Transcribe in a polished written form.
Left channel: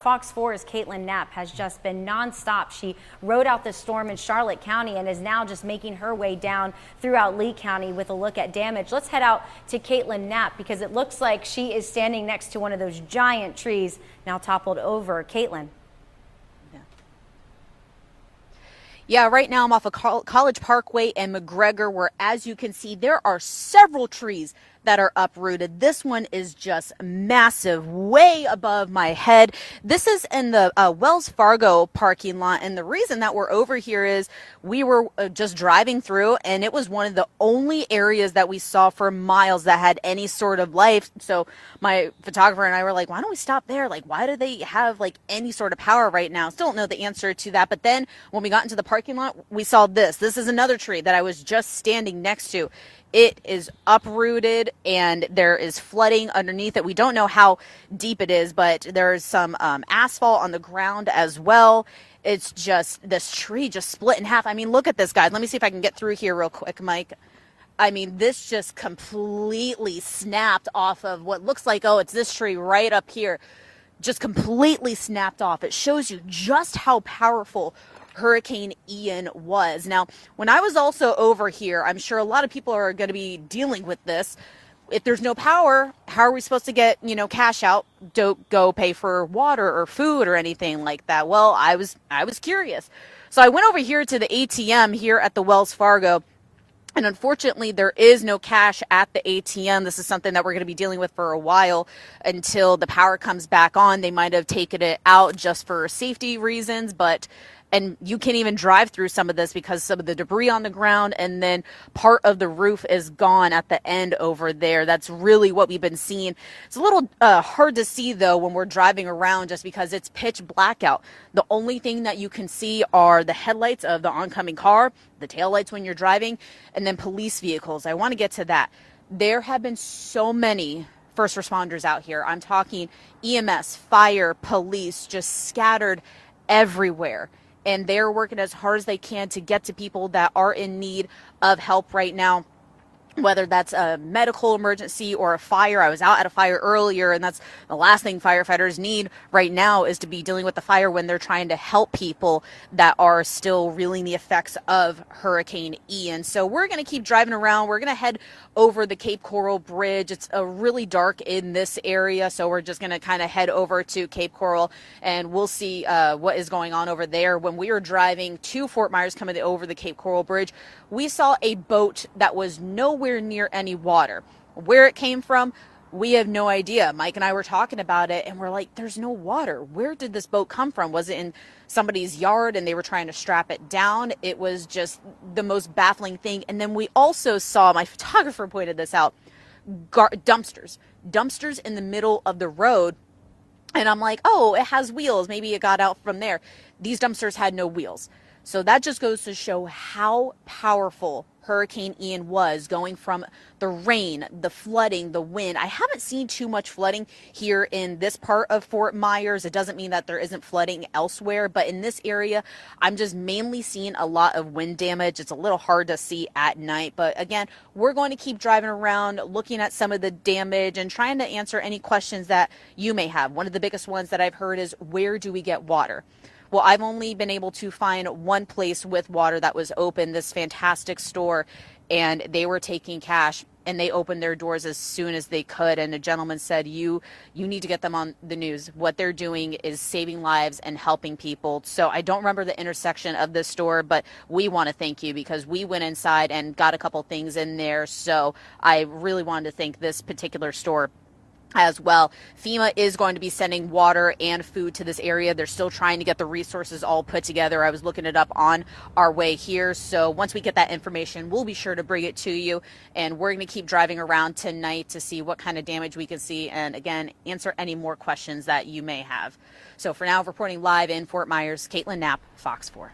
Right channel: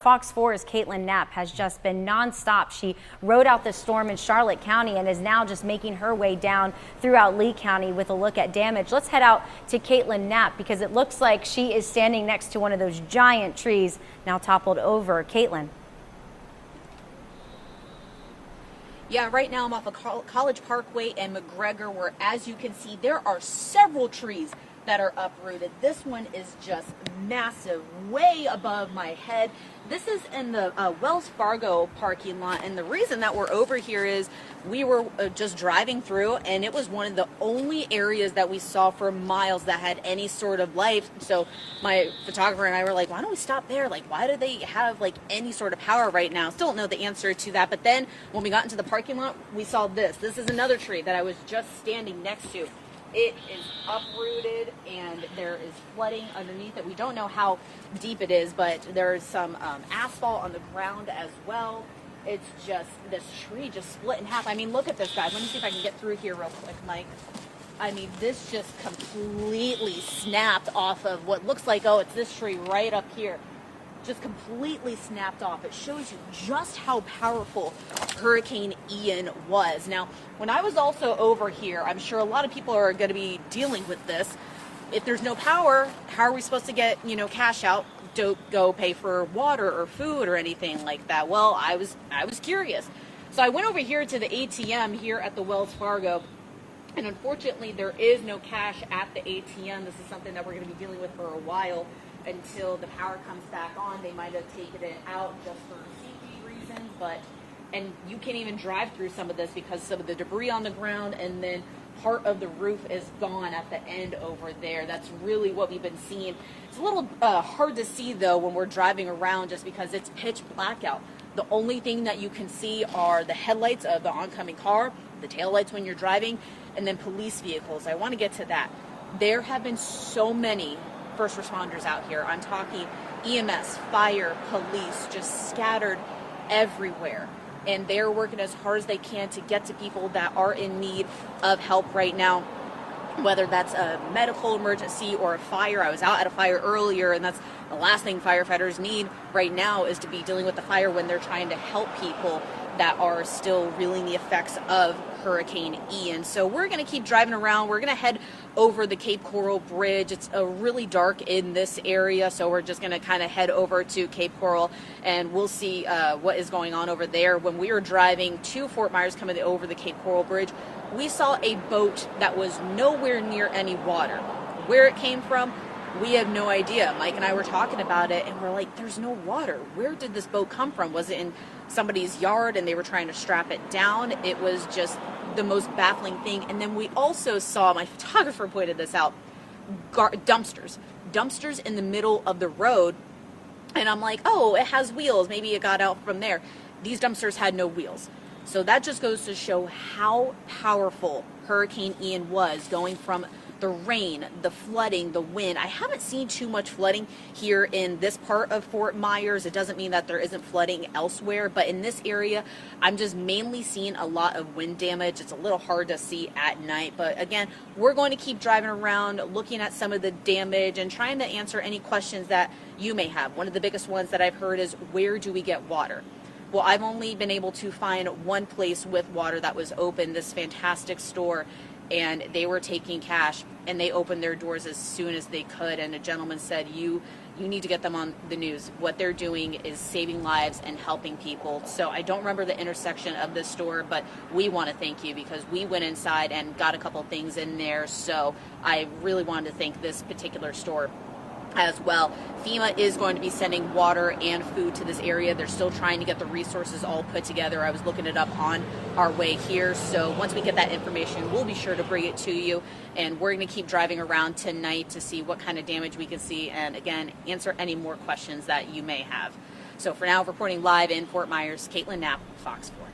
Fox 4's Kaitlin Knapp has just been nonstop. She rode out the storm in Charlotte County and is now just making her way down throughout Lee County with a look at damage. Let's head out to Kaitlin Knapp because it looks like she is standing next to one of those giant trees now toppled over. Kaitlin. Yeah, right now I'm off of College Parkway and McGregor, where, as you can see, there are several trees that are uprooted. This one is just massive, way above my head. This is in the Wells Fargo parking lot, and the reason that we're over here is we were just driving through, and it was one of the only areas that we saw for miles that had any sort of life. So my photographer and I were like, why don't we stop there? Like, why do they have like any sort of power right now? Still don't know the answer to that. But then when we got into the parking lot, we saw this. This is another tree that I was just standing next to. It is uprooted and there is flooding underneath it. We don't know how deep it is, but there's some asphalt on the ground as well. It's just, this tree just split in half. I mean, look at this, guys. Let me see if I can get through here real quick, Mike. I mean, this just completely snapped off of what looks like, oh, it's this tree right up here. Just completely snapped off. It shows you just how powerful Hurricane Ian was. Now, when I was also over here, I'm sure a lot of people are going to be dealing with this. If there's no power, how are we supposed to get, cash out to go pay for water or food or anything like that? Well, I was curious. So I went over here to the ATM here at the Wells Fargo. And unfortunately, there is no cash at the ATM. This is something that we're going to be dealing with for a while until the power comes back on. They might have taken it out just for safety reasons, and you can't even drive through some of this because some of the debris on the ground, and then part of the roof is gone at the end over there. That's really what we've been seeing. It's a little hard to see though when we're driving around just because it's pitch black out. The only thing that you can see are the headlights of the oncoming car, the taillights when you're driving, and then police vehicles. I want to get to that. There have been so many first responders out here. I'm talking EMS, fire, police, just scattered everywhere. And they're working as hard as they can to get to people that are in need of help right now, whether that's a medical emergency or a fire. I was out at a fire earlier, and that's the last thing firefighters need right now is to be dealing with the fire when they're trying to help people that are still reeling the effects of Hurricane Ian. So we're going to keep driving around. We're going to head over the Cape Coral Bridge. It's really dark in this area, so we're just going to kind of head over to Cape Coral, and we'll see what is going on over there. When we were driving to Fort Myers coming over the Cape Coral Bridge, we saw a boat that was nowhere near any water. Where it came from, we have no idea. Mike and I were talking about it, and we're like, there's no water. Where did this boat come from? Was it in somebody's yard and they were trying to strap it down? It was just the most baffling thing. And then we also saw, my photographer pointed this out, dumpsters in the middle of the road. And I'm like, oh, it has wheels. Maybe it got out from there. These dumpsters had no wheels. So that just goes to show how powerful Hurricane Ian was, going from the rain, the flooding, the wind. I haven't seen too much flooding here in this part of Fort Myers. It doesn't mean that there isn't flooding elsewhere, but in this area, I'm just mainly seeing a lot of wind damage. It's a little hard to see at night, but again, we're going to keep driving around, looking at some of the damage and trying to answer any questions that you may have. One of the biggest ones that I've heard is, where do we get water? Well, I've only been able to find one place with water that was open, this fantastic store, and they were taking cash, and they opened their doors as soon as they could. And a gentleman said, you need to get them on the news. What they're doing is saving lives and helping people. So I don't remember the intersection of this store, but we want to thank you because we went inside and got a couple things in there. So I really wanted to thank this particular store as well. FEMA is going to be sending water and food to this area. They're still trying to get the resources all put together. I was looking it up on our way here. So once we get that information, we'll be sure to bring it to you. And we're going to keep driving around tonight to see what kind of damage we can see. And again, answer any more questions that you may have. So for now, reporting live in Fort Myers, Kaitlin Knapp, Fox 4.